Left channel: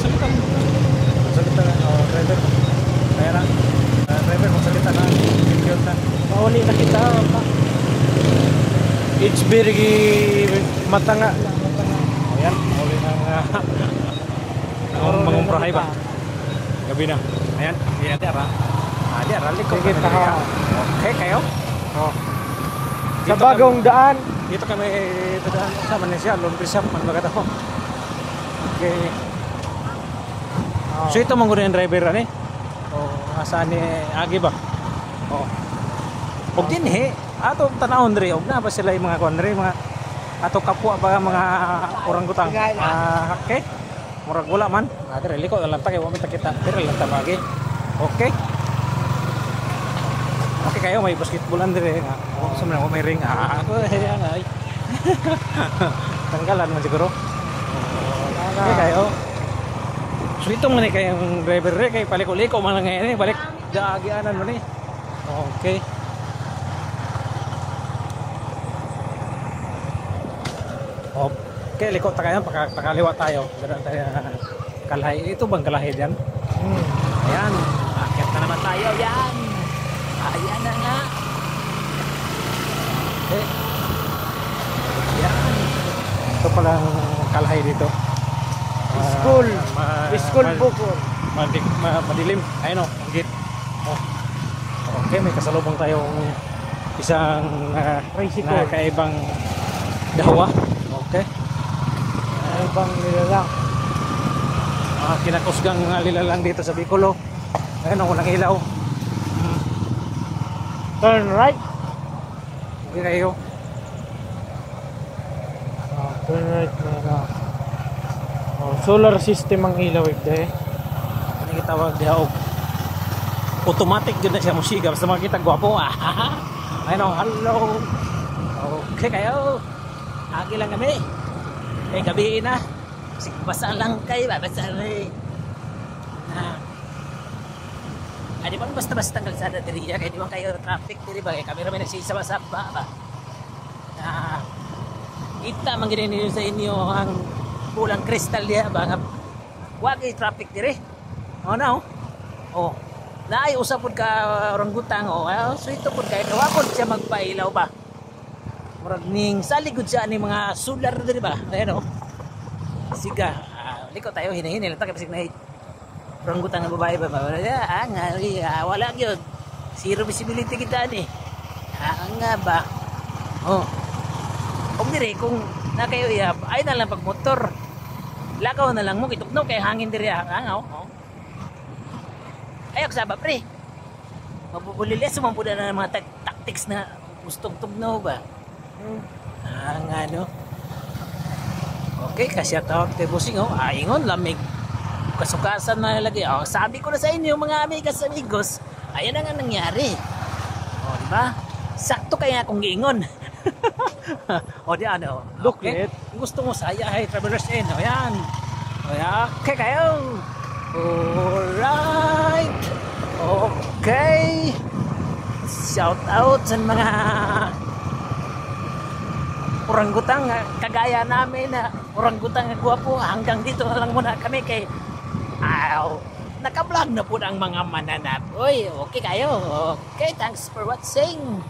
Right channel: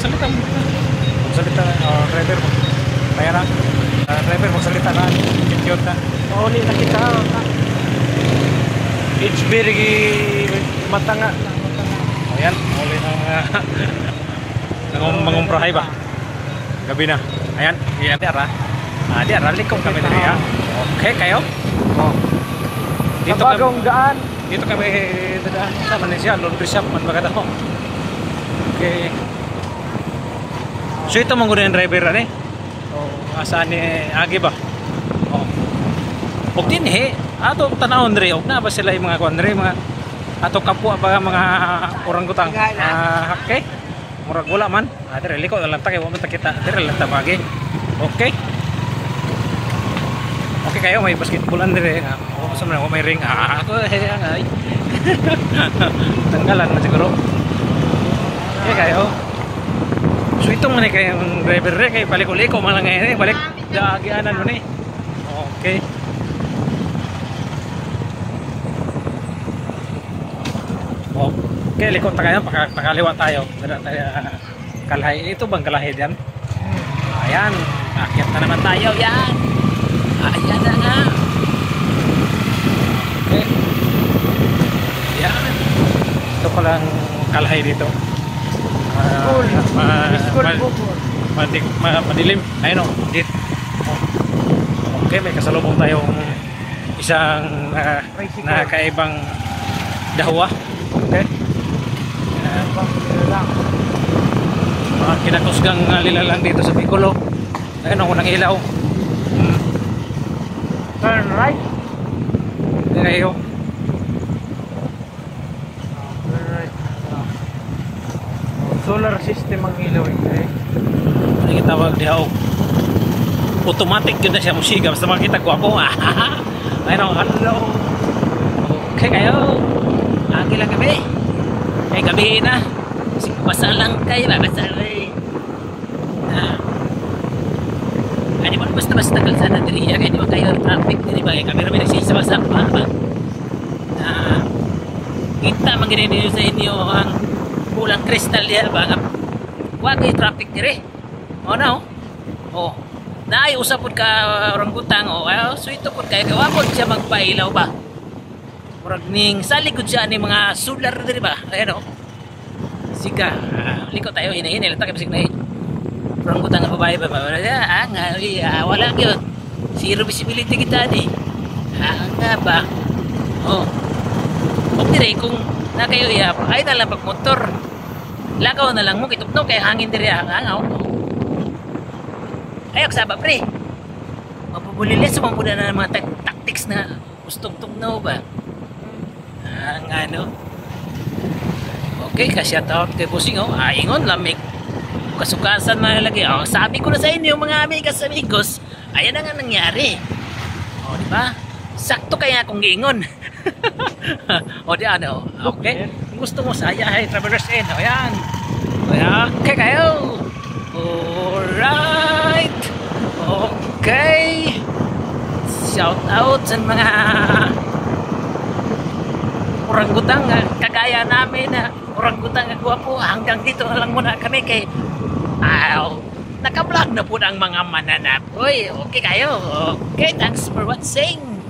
magsalita mo. Magsalita na, driver mo. Kaya na, driver, magsalita na. Yun na. Mauli na kita. It's very matanga. O yan, mauli ng mangumprahay ba? Gabi na. Ayan, yan. Diara. Diara, likong kami diri ha. Okay, kayo? Oh. Dito Sa bagong daan. Dito kami dadaan sa Malaysia, laundry shop man baga daw. Okay. So ito manggunan yung driver ani. Oh, asaan ni Agi ba? Oh. Og din ato tanawon diri og na ba sila yung mga kuandre mga ato kapwa ba mga orangutang. Okay. Murag wala man. Dire liko lang ta kay wa man ta kita. Dire lang ta bagi. Okay. Okay kayo may basketballan dire nga. O sa man may ring. Ako ay. Tanggalan man siguro. Okay kayo. So itong man kayong driver re kay paliko-liko man lang ngayon balik daagianan mo ni. Okay. Okay, liko ta kayo pakaliwa tayo. Dara tayo Kalahi. Ito bang Kalahi diyan? Ayan, akyat na naman tayo. Yan. Ayan na nga. Okay. Yan. Ito palang Kalahi dito. Madilim. Ayun o. Okay, may kasalubong tayong isang nakaibang dawa. Okay. Kinakusgang lilalang dito sa Piccolo. Ayun ako nang ilaw. Turn right. Ngayon. Turn right. Solar system ang ilaw ito eh. Ano yung tawag diha o automatic yun na siya musiga. Basta makikita gwapo. Ayun, hello. Okay kayo. Agi lang kami. Kaya gabi na. Basta lang kayo ba? Basta rin. Ay di ba basta-basta kalsada diri. Kaya di ba kayo traffic diri ba? Kaya kami rin nagsisama-sama ba? Kita mangginin sa inyo ang bulang kristal diya ba? Huwag ay traffic diri. O na o. O. Naay usapod ka orangutang o. So ito po kaya kawapod siya magpailaw ba? Murag ning saligod siya ni mga solar diri ba? Ayan o. Siga. Liko tayo hinahinay lang ta kasi na orangutang nga babae ba? Wala gyud. Zero visibility kita ni. Nga ba? Oh. Og dire kung na kayo iya ay na lang pag motor. Lakaw na lang mo kitugnaw kay hangin diri hangaw. Ayok saba pre. Mapubulilis mo muna na mga tactics na gustong tugnaw ba? Nga no. Okay, kasi shout out kay Busing oh. Ingon lamig. Kasukasan man lagi. Oh, sabi ko na sa inyo mga amigas amigos, ayan na nga nangyari. Oh, di ba? Sakto kaya akong giingon. O di ano. Okay. Gusto mo saya hay Travelers Inn. O yan. Okay kayo. Alright. Okay. Shout out sa mga orangutang kagaya namin na orangutang gwapo. Hanggang dito na lang muna kami kay naka-vlog na po ang mga mananap. Uy, okay kayo. Okay, thanks for watching.